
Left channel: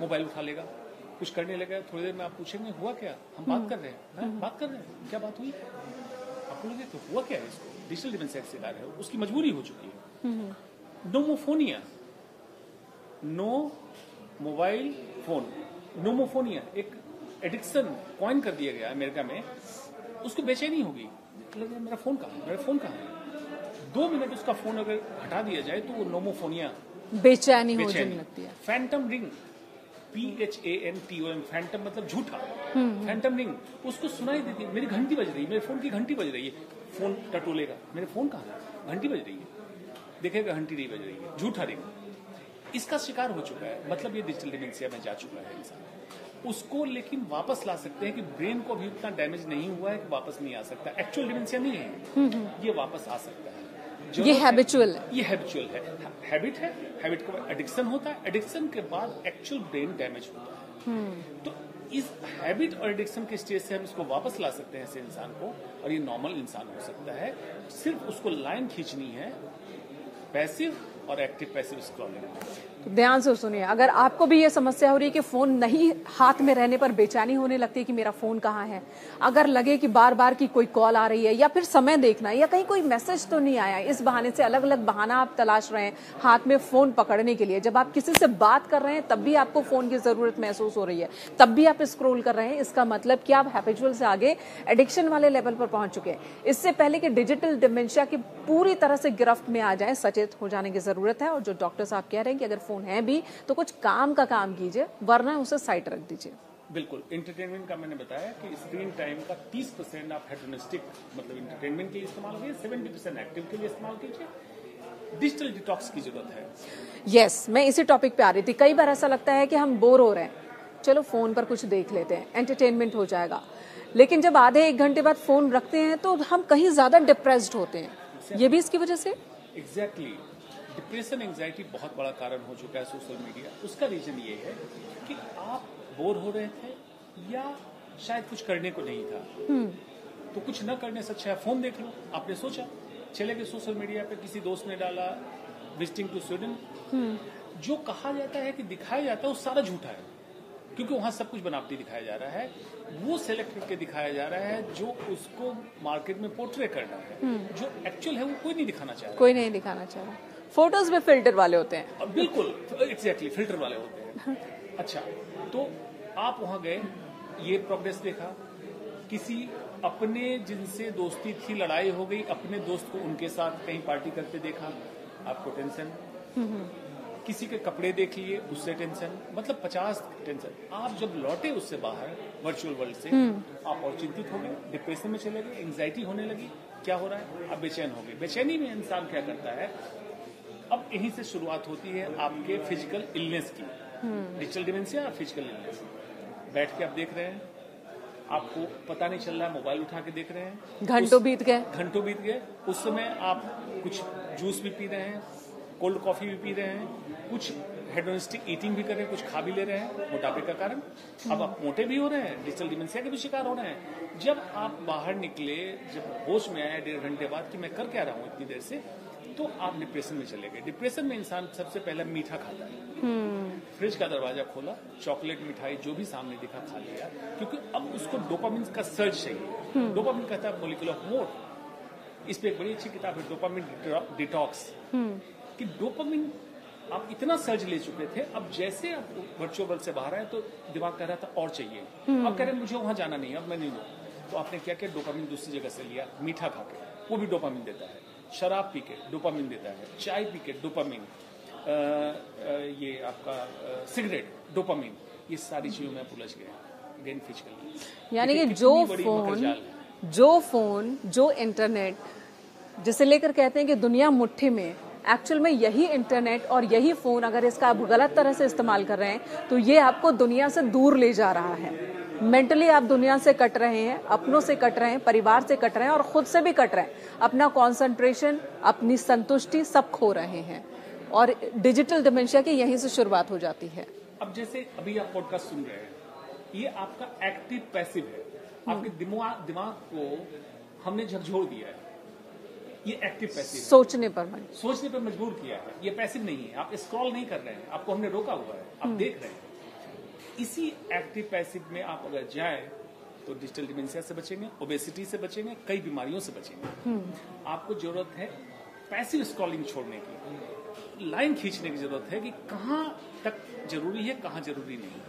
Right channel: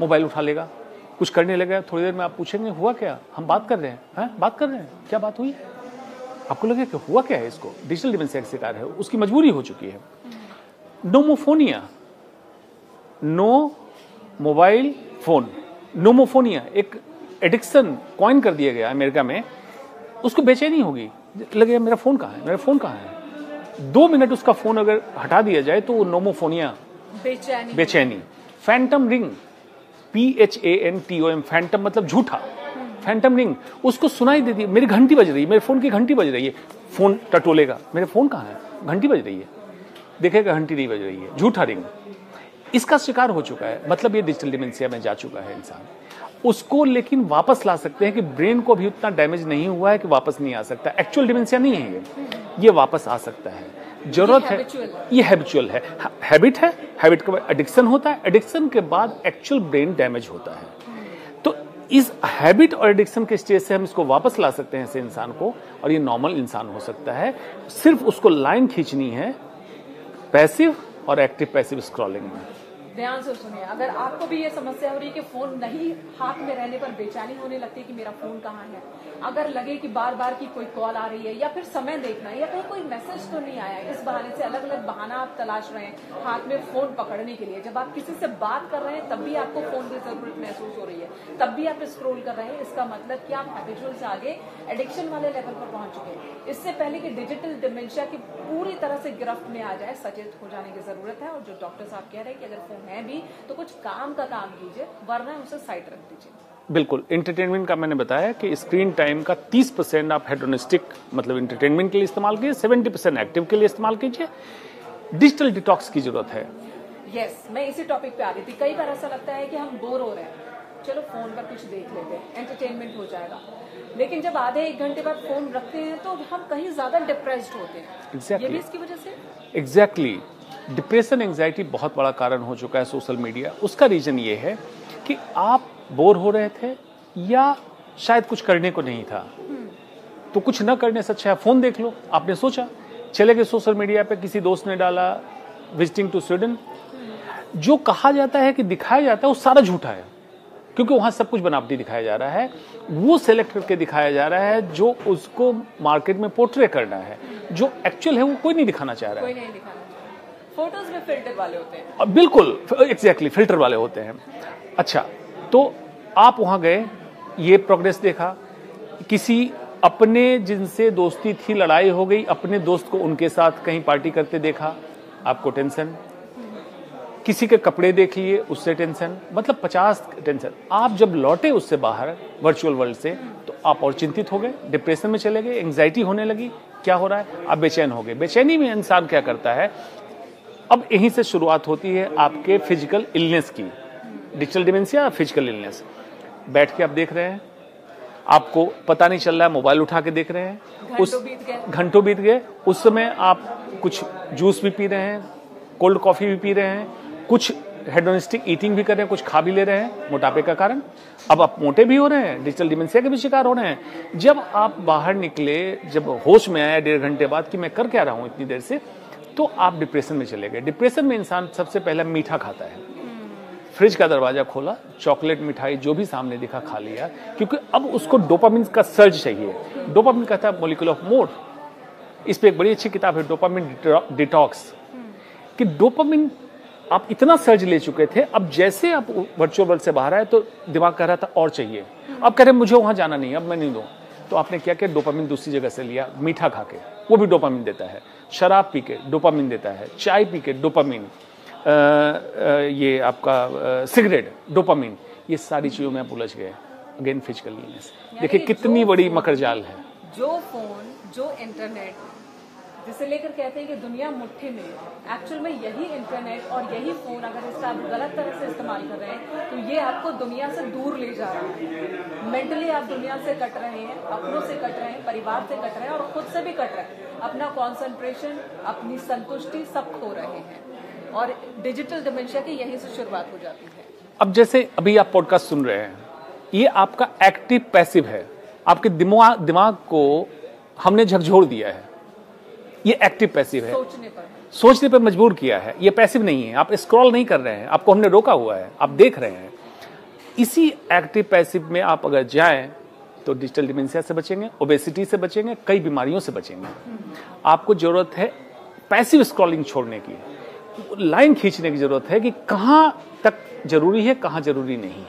मोबाइल उठा लेगा, कुछ करने लगेगा। थोड़ी देर में आप पूछेंगे हुआ क्या, हम बात कर रहे हैं, बात कर रहे हैं, क्या बात हुई? आपको लगेगा कि हुआ क्या है इसको, डिजिटल डिमेंशिया का शिकार है, उसकी मजबूरी हो चुकी है। नोमोफोनिया, नो मोबाइल फोन, नोमोफोनिया एक एडिक्शन कॉइन कर दिया गया अमेरिका में। उसको बेचैनी होगी, लगेगा मेरा फोन कहाँ है। 2 मिनट उसका फोन अगर हटा दिया जाए तो वो नोमोफोनिया, बेचैनी। फैंटम रिंग, PHANTOM, फैंटम मतलब झूठा, फैंटम रिंग, उसको सुनाई देती है, मेरी घंटी बज रही है, मेरे फोन की घंटी बज रही है, फोन टटोलेगा, मेरे फोन कहाँ है, घंटी बज रही है, देखेगा घंटी नहीं बज रही है, झूठा रिंग। इसका शिकार हो चुका है, मतलब ये डिजिटल डिमेंशिया में जा चुका है इंसान। उसको लेकिन वापस ला सकते हैं कि ब्रेन को भी उतना डैमेज नहीं हुआ है कि वापस नहीं आ सकता। एक्चुअल डिमेंशिया नहीं है ये वापस आ सकता है। जरूरत है, ये हैबिचुअल है, हैबिट है, हैबिट के बाद एडिक्शन होता है, एडिक्शन के बाद एक्चुअल ब्रेन डैमेज होता है। तो इस हैबिट और एडिक्शन के स्टेज से हम इसको वापस ला सकते हैं ऐसे इंसान को, और ये नॉर्मल इंसान हो सकता है। सिर्फ उसको लाइन खींचनी है पैसिव और एक्टिव पैसिव स्क्रॉलिंग में। ध्यान से सुनिए, अगर आपको भी ये समस्या हो रही है कि फोन नहीं हाथ में रहने पर बेचैनी होने लगती है कि मेरा फोन कहाँ है, अगर लगे कि बार बार की कोई कॉल आ रही है या फिर समय देखना है या कहीं कोई मैसेज तो नहीं आया, इस बहाने से अलग अलग बहाना आप तलाश रहे हैं हाथ में फोन पकड़ने के लिए, जब आप किसी से बात कर रहे हैं तब भी आपको फोन की जरूरत महसूस हो रही है, तब भी आप स्क्रॉल कर रहे हैं, इसका मतलब कि आप हैबिचुअल से आगे एडिक्शन वाले लेवल पर पहुंच चुके हैं। इससे पहले कि डिजिटल डिमेंशिया की पूरी तरह से गिरफ्त में आ जाए, सचेत हो जाने की जरूरत है। और जो डॉक्टर साहब कह रहे हैं कि अगर फोन है भी तो कुछ काम का काम कीजिए, वरना उसे साइड रख दीजिए। बिल्कुल, एंटरटेनमेंट का मैंने बताया कि स्क्रीन टाइम का 30% आप हेडोनिस्टिक मतलब एंटरटेनमेंट के लिए इस्तेमाल कीजिए, 70% एक्टिव के लिए इस्तेमाल कीजिए। डिजिटल डिटॉक्स की जरूरत है। यस, मैं इसी टॉपिक पे आ रही थी। कई बार ऐसा लगता है कि हम बोर हो रहे हैं, चलो फोन पर कुछ देख लेते हैं, एंटरटेनमेंट हो जाएगा, लेकिन जब आधे 1 घंटे बाद फोन रखते हैं तो हम कहीं ज्यादा डिप्रेस्ड होते हैं। ये भी इसकी वजह से? एग्जैक्टली, डिप्रेशन, एंजाइटी बहुत बड़ा कारण हो चुका है सोशल मीडिया। उसका रीजन ये है कि आप बोर हो रहे थे या शायद कुछ करने को नहीं था, तो कुछ न करने से अच्छा है फोन देख लो। आपने सोचा, चले गए सोशल मीडिया पे, किसी दोस्त ने डाला विजिटिंग टू स्वीडन, जो कहा जाता है कि दिखाया जाता है वो सारा झूठा है, क्योंकि वहां सब कुछ बनावटी दिखाया जा रहा है। वो सेलेक्ट करके दिखाया जा रहा है जो उसको मार्केट में पोर्ट्रे करना है, जो एक्चुअल है वो कोई नहीं दिखाना चाह रहा है। कोई नहीं दिखाना चाह रहा। फोटोज में फिल्टर वाले होते हैं। बिल्कुल, एग्जैक्टली, फिल्टर वाले होते हैं। अच्छा, तो आप वहां गए, ये प्रोग्रेस देखा, किसी अपने जिनसे दोस्ती थी लड़ाई हो गई, अपने दोस्त को उनके साथ कहीं पार्टी करते देखा, आपको टेंशन। किसी के कपड़े देख लिए, उससे टेंशन। मतलब 50 टेंशन। आप जब लौटे उससे बाहर वर्चुअल वर्ल्ड से, तो आप और चिंतित हो गए, डिप्रेशन में चले गए, एंग्जाइटी होने लगी। क्या हो रहा है? आप बेचैन हो गए। बेचैनी में इंसान क्या करता है? अब यहीं से शुरुआत होती है आपके फिजिकल इलनेस की। Digital dementia, physical illness. बैठ के आप देख रहे हैं, आपको पता नहीं चल रहा है, मोबाइल उठा के देख रहे हैं, घंटों बीत गए। उस समय आप कुछ जूस भी पी रहे हैं, कोल्ड कॉफी भी पी रहे हैं, कुछ हेडोनिस्टिक ईटिंग भी कर रहे हैं, कुछ खा भी ले रहे हैं मोटापे का कारण। अब आप मोटे भी हो रहे हैं, डिजिटल डिमेंशिया के भी शिकार हो रहे हैं। जब आप बाहर निकले, जब होश में आया 1.5 घंटे बाद कि मैं कर क्या रहा हूं इतनी देर से, तो आप डिप्रेशन में चले गए। डिप्रेशन में इंसान सबसे पहला मीठा खाता है। फ्रिज का दरवाजा खोला, चॉकलेट मिठाई जो भी सामने दिखा खा लिया, क्योंकि अब उसको डोपामिन का सर्ज चाहिए। डोपामिन कहता है मॉलिक्यूल ऑफ मूड। इस पे एक बड़ी अच्छी किताब है, डोपामिन डिटॉक्स, कि डोपामिन आप इतना सर्ज ले चुके थे, अब जैसे आप वर्चुअल वर्ल्ड से बाहर आए तो दिमाग कह रहा था और चाहिए। अब कह रहे मुझे वहां जाना नहीं, अब मैं नहीं दूं। तो आपने क्या किया? डोपामिन दूसरी जगह से लिया, मीठा खा के, वो भी डोपामिन देता है। शराब पी के डोपामिन देता है, चाय पी के डोपामिन, ये आपका सिगरेट डोपामिन, ये सारी चीजों में आप उलझ गए। अगेन फिजिकली देखिए कितनी बड़ी मकरजाल है। जो फोन, जो इंटरनेट, जिसे लेकर कहते हैं कि दुनिया मुट्ठी में, एक्चुअल में यही इंटरनेट और यही फोन, अगर इसका आप गलत तरह से इस्तेमाल कर रहे हैं तो ये आपको दुनिया से दूर ले जा रहा है। मेंटली आप दुनिया से कट रहे हैं, अपनों से कट रहे हैं, परिवार से कट रहे हैं और खुद से भी कट रहे हैं। अपना कंसंट्रेशन, अपनी संतुष्टि सब खो रहे हैं और डिजिटल डिमेंशिया की यहीं से शुरुआत हो जाती है। अब जैसे अभी आप पॉडकास्ट सुन रहे हैं, ये आपका एक्टिव पैसिव है। आपके दिमाग को हमने झकझोर दिया है। ये एक्टिव पैसिव है, सोचने पर मजबूर किया है। ये पैसिव नहीं है, आप स्क्रॉल नहीं कर रहे हैं, आपको हमने रोका हुआ है, आप देख रहे हैं। इसी एक्टिव पैसिव में आप अगर जाएं तो डिजिटल डिमेंशिया से बचेंगे, ओबेसिटी से बचेंगे, कई बीमारियों से बचेंगे। आपको जरूरत है पैसिव स्क्रॉलिंग छोड़ने की, लाइन खींचने की जरूरत है कि कहां तक जरूरी है, कहां जरूरी नहीं है।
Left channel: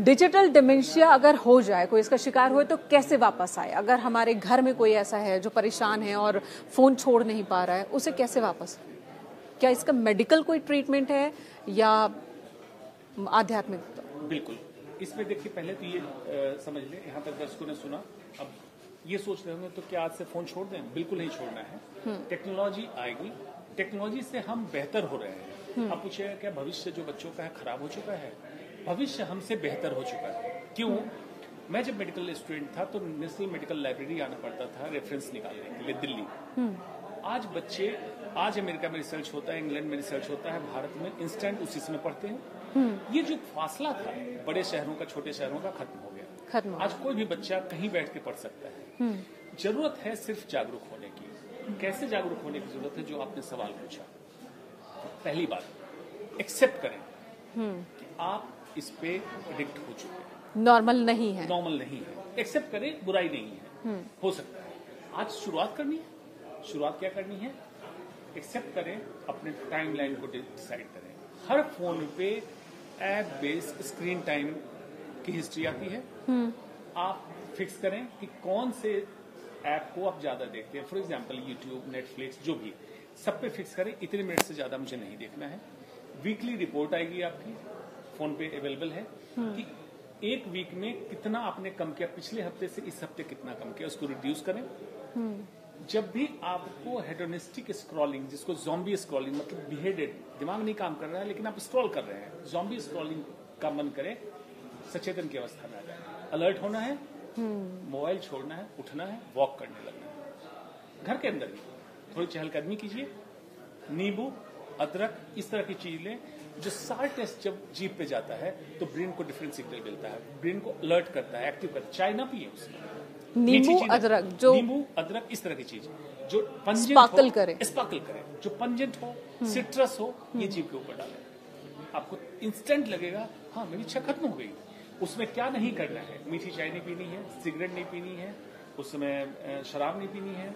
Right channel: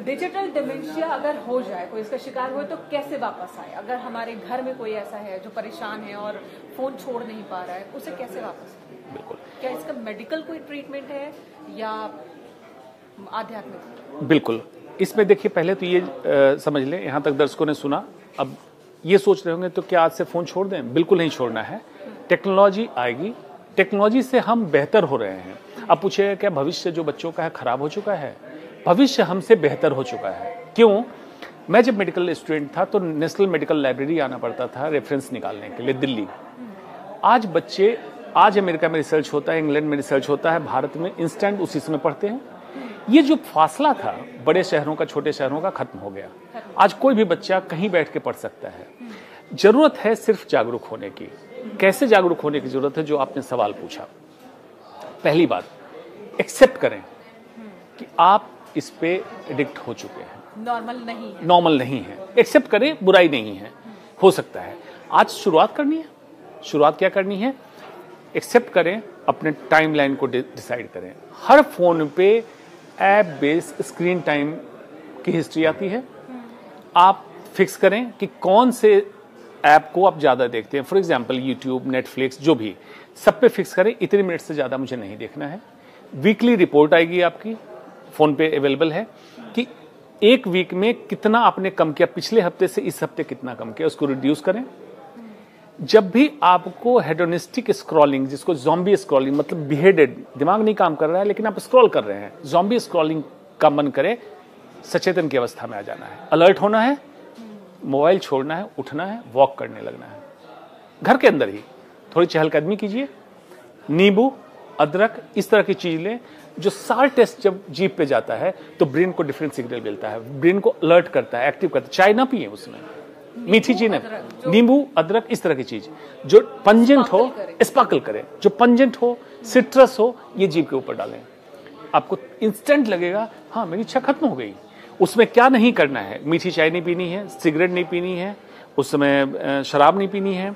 डिजिटल डिमेंशिया अगर हो जाए, कोई इसका शिकार हुए, तो कैसे वापस आए? अगर हमारे घर में कोई ऐसा है जो परेशान है और फोन छोड़ नहीं पा रहा है, उसे कैसे वापस आए? बिल्कुल। क्या इसका मेडिकल कोई ट्रीटमेंट है या आध्यात्मिक? बिल्कुल। इसमें देखिए, पहले तो ये समझ लें, यहाँ तक दर्शकों ने सुना, अब ये सोच रहे होंगे तो क्या आज से फोन छोड़ दें? बिल्कुल नहीं छोड़ना है। टेक्नोलॉजी आएगी, टेक्नोलॉजी से हम बेहतर हो रहे हैं। अब पूछिएगा क्या भविष्य जो बच्चों का है खराब हो चुका है? भविष्य हमसे बेहतर हो चुका है। क्यों? मैं जब मेडिकल स्टूडेंट था तो नेशनल मेडिकल लाइब्रेरी आना पड़ता था रेफरेंस निकालने के लिए, दिल्ली। आज बच्चे, आज अमेरिका में रिसर्च होता है, इंग्लैंड में रिसर्च होता है, भारत में इंस्टेंट उसी समय पढ़ते हैं। ये जो फासला था बड़े शहरों का, छोटे शहरों का, खत्म हो गया। आज कोई भी बच्चा कहीं बैठ के पढ़ सकता है। जरूरत है सिर्फ जागरूक होने की। कैसे जागरूक होने की जरूरत है? जो आपने सवाल पूछा, पहली बात, एक्सेप्ट करें कि आप इस पे एडिक्ट हो चुके हैं। नॉर्मल नहीं है। एक्सेप्ट करें, बुराई नहीं है, हो सकता है। आज शुरुआत करनी है। शुरुआत क्या करनी है? एक्सेप्ट करें, अपने टाइमलाइन को डिसाइड करें। हर फोन पे ऐप बेस्ड स्क्रीन टाइम की हिस्ट्री आती है। आप फिक्स करें कि कौन से ऐप को आप ज्यादा देखते हैं। फॉर एग्जांपल यूट्यूब, नेटफ्लिक्स, जो भी, सब पे फिक्स करें इतने मिनट से ज्यादा मुझे नहीं देखना है। वीकली रिपोर्ट आएगी आपकी, फोन पे अवेलेबल है, कि एक वीक में कितना आपने कम किया, पिछले हफ्ते से इस हफ्ते कितना कम किया, उसको रिड्यूस करें। जब भी आपको हेडोनिस्टिक स्क्रॉलिंग, जिसको ज़ॉम्बी स्क्रॉलिंग, मतलब बिहेडेड, दिमाग नहीं काम कर रहा है लेकिन आप स्क्रॉल कर रहे हैं, ज़ॉम्बी स्क्रॉलिंग का मन करे, सचेतन की अवस्था में आ जाना है, अलर्ट होना है, मोबाइल छोड़ना है, उठना है, वॉक करने लगना है। घर के अंदर ही थोड़ी चहलकदमी कीजिए, नींबू, अदरक, इस तरह की चीज लें। जो सार टेस्ट जब जीभ पे जाता है तो ब्रेन को डिफरेंट सिग्नल मिलता है, ब्रेन को अलर्ट करता है, एक्टिव करता है। चाय ना पिए, उसमें मीठी चीज, नींबू, अदरक, इस तरह की चीज जो पंजेंट हो, स्पार्कल करे, जो पंजेंट हो, सिट्रस हो, ये जीभ के ऊपर डालें। आपको इंस्टेंट लगेगा, हाँ मेरी इच्छा खत्म हो गई। उसमें क्या नहीं करना है? मीठी चाय नहीं पीनी है, सिगरेट नहीं पीनी है, उस समय शराब नहीं पीनी है,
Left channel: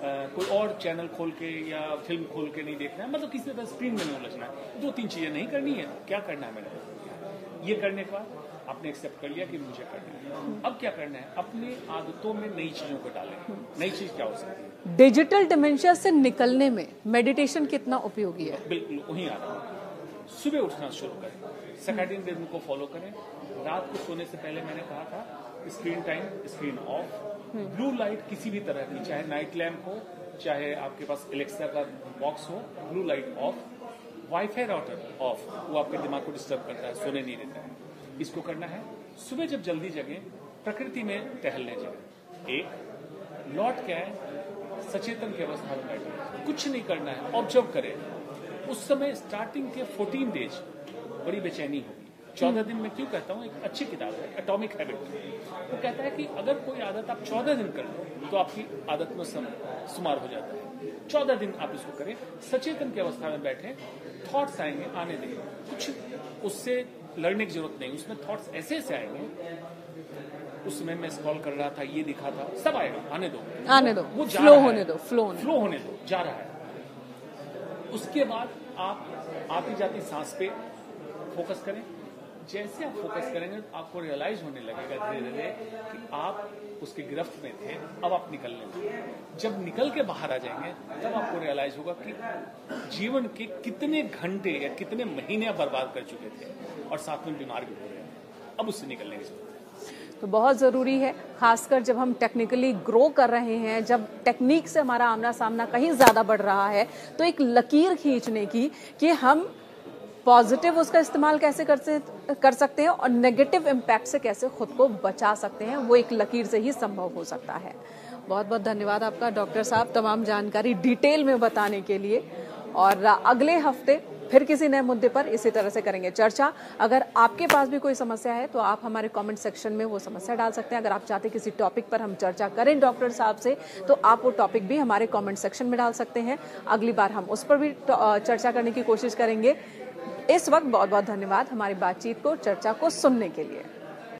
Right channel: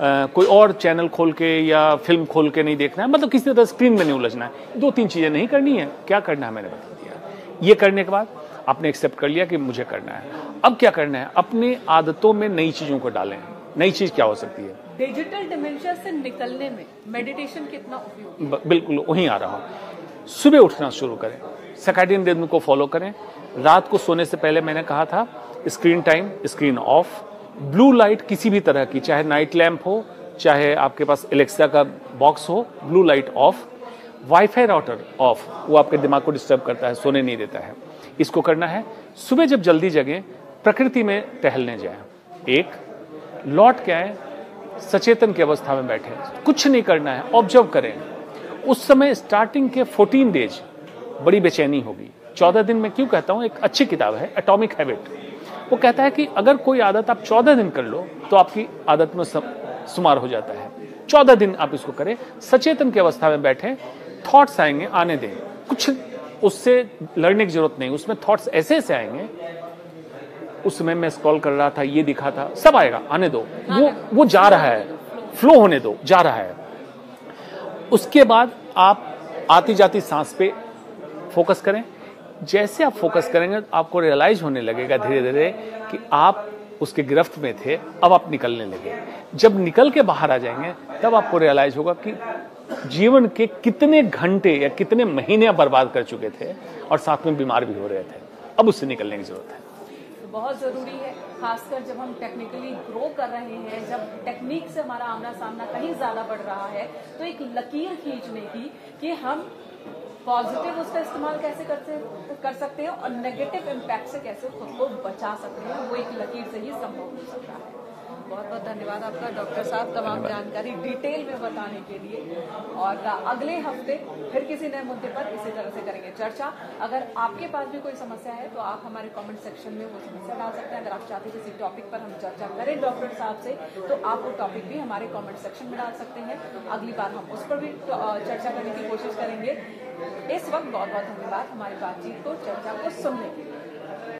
कोई और चैनल खोल के या फिल्म खोल के नहीं देखना है, मतलब किसी तरह स्क्रीन में नहीं उलझना है। 2-3 चीजें नहीं करनी है। क्या करना है मैंने बता दिया। ये करने के बाद आपने एक्सेप्ट कर लिया कि मुझे करना है। अब क्या करना है, अपनी आदतों में नई चीजों को डालें। नई चीज क्या हो सकती है? डिजिटल डिमेंशिया से निकलने में मेडिटेशन कितना उपयोगी है? बिल्कुल वहीं आ रहा हूं। सुबह उठना शुरू करें, सर्कैडियन रिदम को फॉलो करें। रात को सोने से पहले मैंने कहा था screen time, screen of, blue light किसी भी तरह की, चाहे नाइट लैंप हो, चाहे आपके पास एलेक्सा का बॉक्स हो, blue light of, wifi router of, वो आपके दिमाग को डिस्टर्ब करता है, सोने नहीं देता है। इसको करना है। सुबह जब जल्दी जगें, प्रकृति में टहलने जाएं, एक लौट के आए, सचेतन की अवस्था में बैठे, कुछ नहीं करना है, ऑब्जर्व करें। उस समय स्टार्टिंग के 14 डेज बड़ी बेचैनी होगी। 14 दिन में क्यों कहता हूं, एक अच्छी किताब है एटॉमिक हैबिट, वो कहता है कि अगर कोई आदत आप 14 दिन कर लो तो आपकी आदत में शुमार हो जाता है। 14 दिन आप इसको करें, सचेतन की अवस्था में बैठे, थॉट्स आएंगे, आने दें, कुछ उससे लड़ने की जरूरत नहीं, उसमें थॉट्स ऐसे ऐसे आएंगे। उस समय मैं स्क्रॉल कर रहा था, ये दिखा था, सब आएगा, आने दो, वो जा रहा है, फ्लो होने दो, जा रहा है। उसके बाद आप आती जाती सांस पे फोकस करें। जैसे आप फोकस करेंगे आपको रियलाइज होने लगेगा धीरे धीरे कि आप उसके गिरफ्त में थे, अब आप निकलने लगे। जब निकल के बाहर आ जाएंगे तब आपको रियलाइज होगा कि जीवन के कितने घंटे या कितने महीने आप बर्बाद कर चुके थे और साथ में बीमार भी हो रहे थे। अब उससे निकलने की जरूरत है। तो बहुत ज़रूरी है, खासकर जब हम टेक्निकली ग्रो कर रहे हैं, जब टेक्निक से हमारा आमना सामना कहीं ज़्यादा बढ़ रहा है, तो एक लकीर खींचने की कि हम पॉजिटिव उसका इस्तेमाल कैसे कर सकते हैं और नेगेटिव इम्पैक्ट से कैसे खुद को बचा सकते हैं, वो एक लकीर से ही संभव हो सकता है। बहुत बहुत धन्यवाद आपका डॉक्टर साहब, तमाम जानकारी डिटेल में बताने के लिए। और अगले हफ्ते फिर किसी नए मुद्दे पर इसी तरह से करेंगे चर्चा। अगर आपके पास भी कोई समस्या है तो आप हमारे कमेंट सेक्शन में वो समस्या डाल सकते हैं। अगर आप चाहते हैं किसी टॉपिक पर हम चर्चा करें डॉक्टर साहब से, तो आप वो टॉपिक भी हमारे कमेंट सेक्शन में डाल सकते हैं। अगली बार हम उस पर भी चर्चा करने की कोशिश करेंगे। इस वक्त बहुत बहुत धन्यवाद हमारी बातचीत को, चर्चा को सुनने के लिए।